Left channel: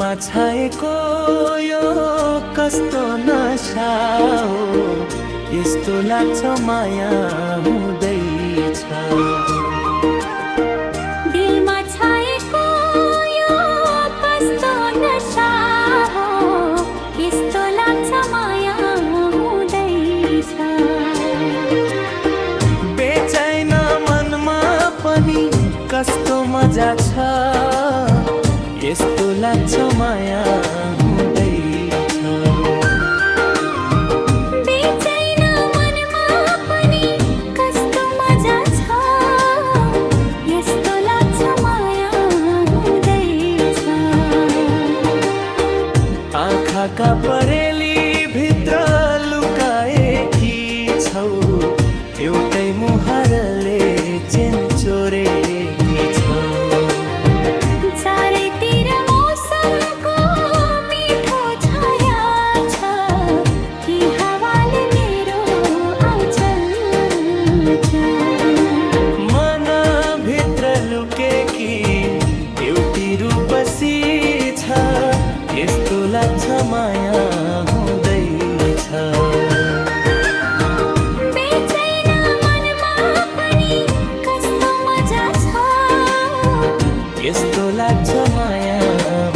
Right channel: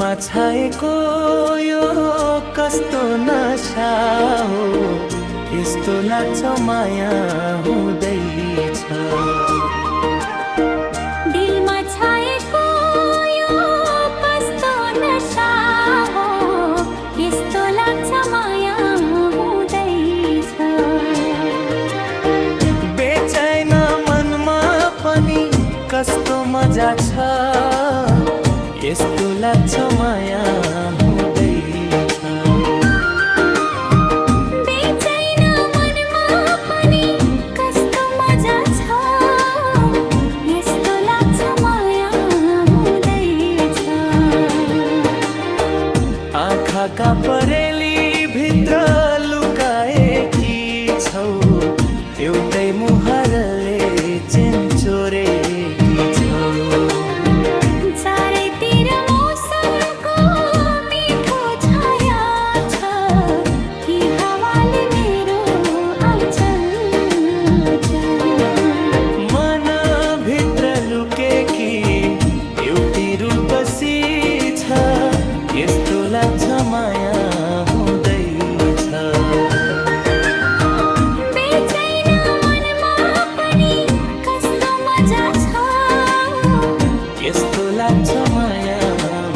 दिलमा छाएको यो कस्तो नशा हो, यस्तो लाग्छ माया हुँदैछ। दिलमा छाएको यो कस्तो नशा हो, यस्तो लाग्छ माया हुँदैछ। बेचैन मनमा पनि कस्तो मजा छ, यस्तो लाग्छ माया हुँदैछ। बेचैन मनमा पनि कस्तो मजा छ, यस्तो लाग्छ माया हुँदैछ। आँखाका परेली भित्र लुकाएकी छौ, एउटै मुहारले चेन्चोरेकी छौ। चारैतिर मौसमको मिठो छाया छ, कि हावाले मेरो आँचल छ। मनभित्र लुकेकी एउटी रूपसी छ, यस्तो लाग्छ माया हुँदैछ। बेचैन मनमा पनि कस्तो मजा छ, यस्तो लाग्छ माया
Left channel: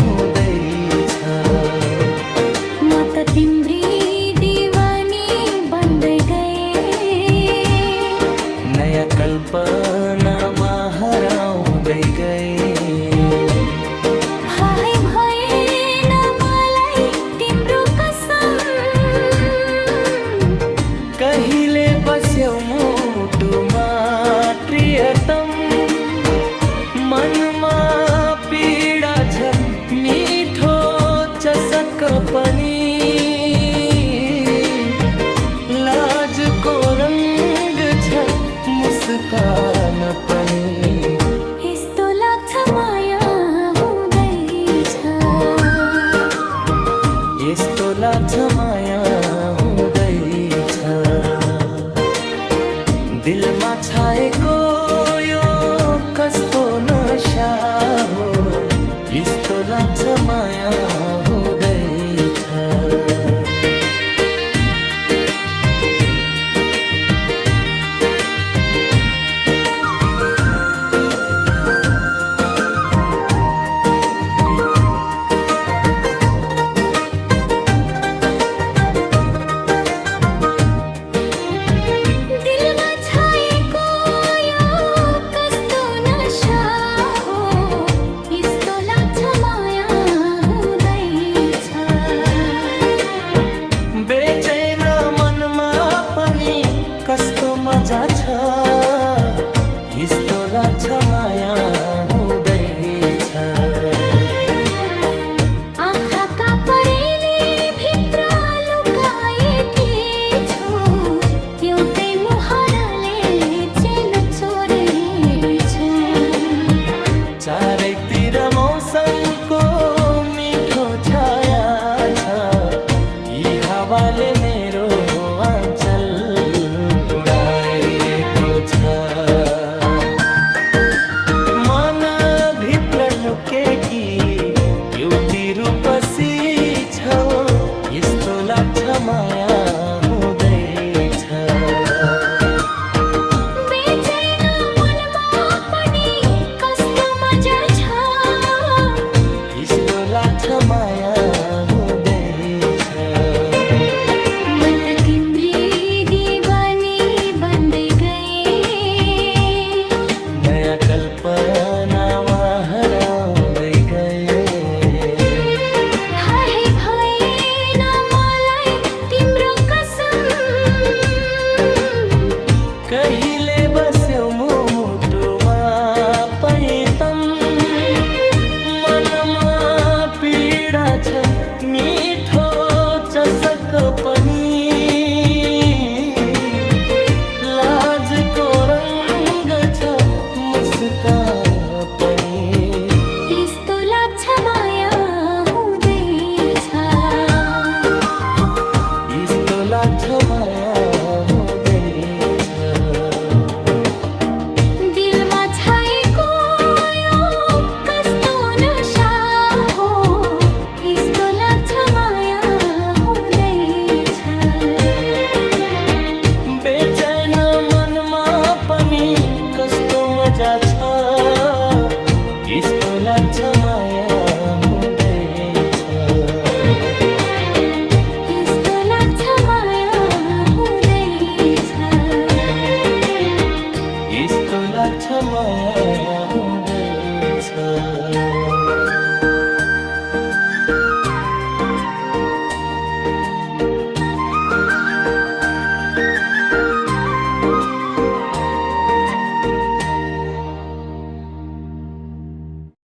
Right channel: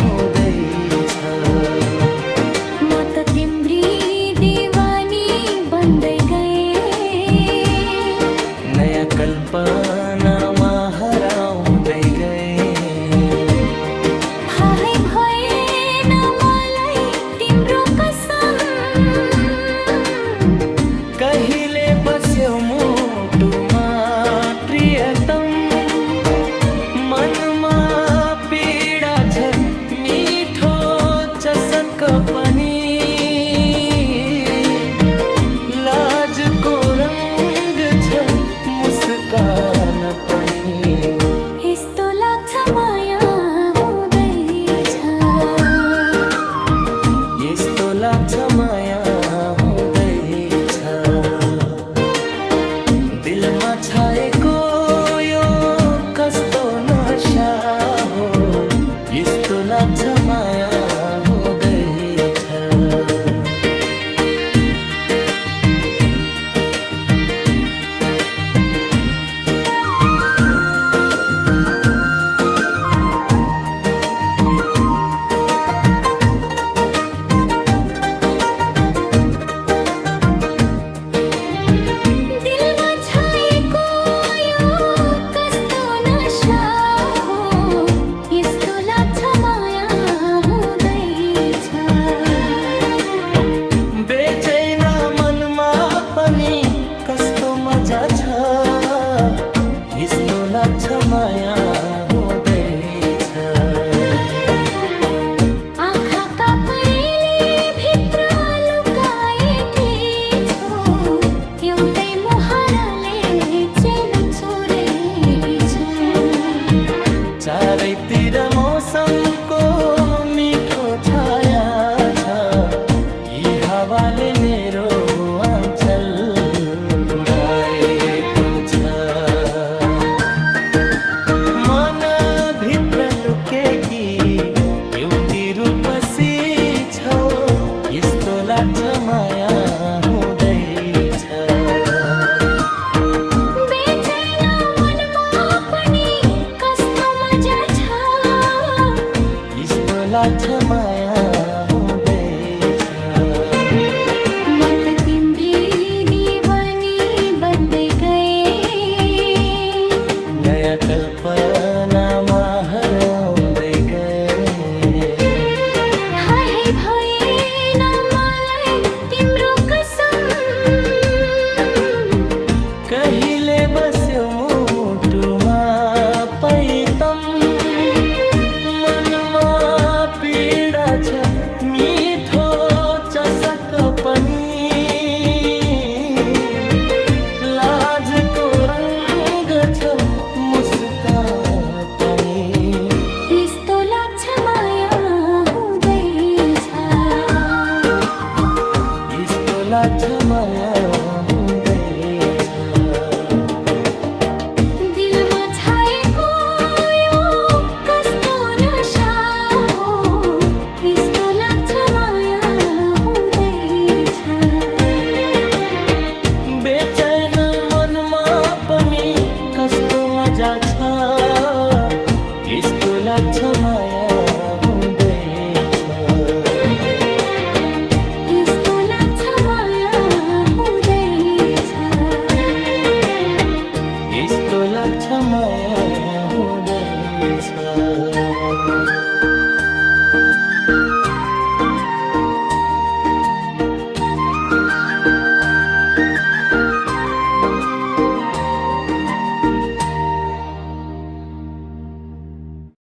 हुँदैछ। म त तिम्री दिवानी बन्दै गएँ, नयाँ कल्पनामा हराउँदै गएँ। थाहै भएन मलाई तिम्रो कसम, कहिले बस्यौ मुटुमा प्रियतम। मनमा पीडा छ मिठो चसक पनि, लाजको रङ्ग छ मुस्कान पनि। यस्तो लाग्छ माया हुँदैछ। यस्तो लाग्छ माया हुँदैछ। दिलमा छाएको यो कस्तो नशा हो, यस्तो लाग्छ माया हुँदैछ। दिलमा छाएको यो कस्तो नशा हो, यस्तो लाग्छ माया हुँदैछ। बेचैन मनमा पनि कस्तो मजा छ, यस्तो लाग्छ माया हुँदैछ। आँखाका परेली भित्र लुकाएकी छौ, एउटै मुहारले चेन चोरेछ। चारैतिर मौसमको मिठो छाया छ, यी हावाले मेरो आँचल उडाएको छ। मनभित्र लुकेकी एउटी रूपसी छौ, यस्तो लाग्छ माया हुँदैछ। बेचैन मनमा पनि कस्तो मजा छ, यस्तो लाग्छ माया हुँदैछ। म त तिम्री दिवानी बन्दै गएँ, नयाँ कल्पनामा हराउँदै गएँ। थाहै भएन मलाई तिम्रो कसम, कहिले बस्यौ मुटुमा पैतम। मनमा पीडा छ मिठो चसक पनि, लाजको रङ्ग छ मुस्कान पनि। यस्तो लाग्छ माया हुँदैछ। यस्तो लाग्छ माया हुँदैछ। दिलमा छाएको यो कस्तो नशा हो, पूजा छ यस्तो लाग्छ माया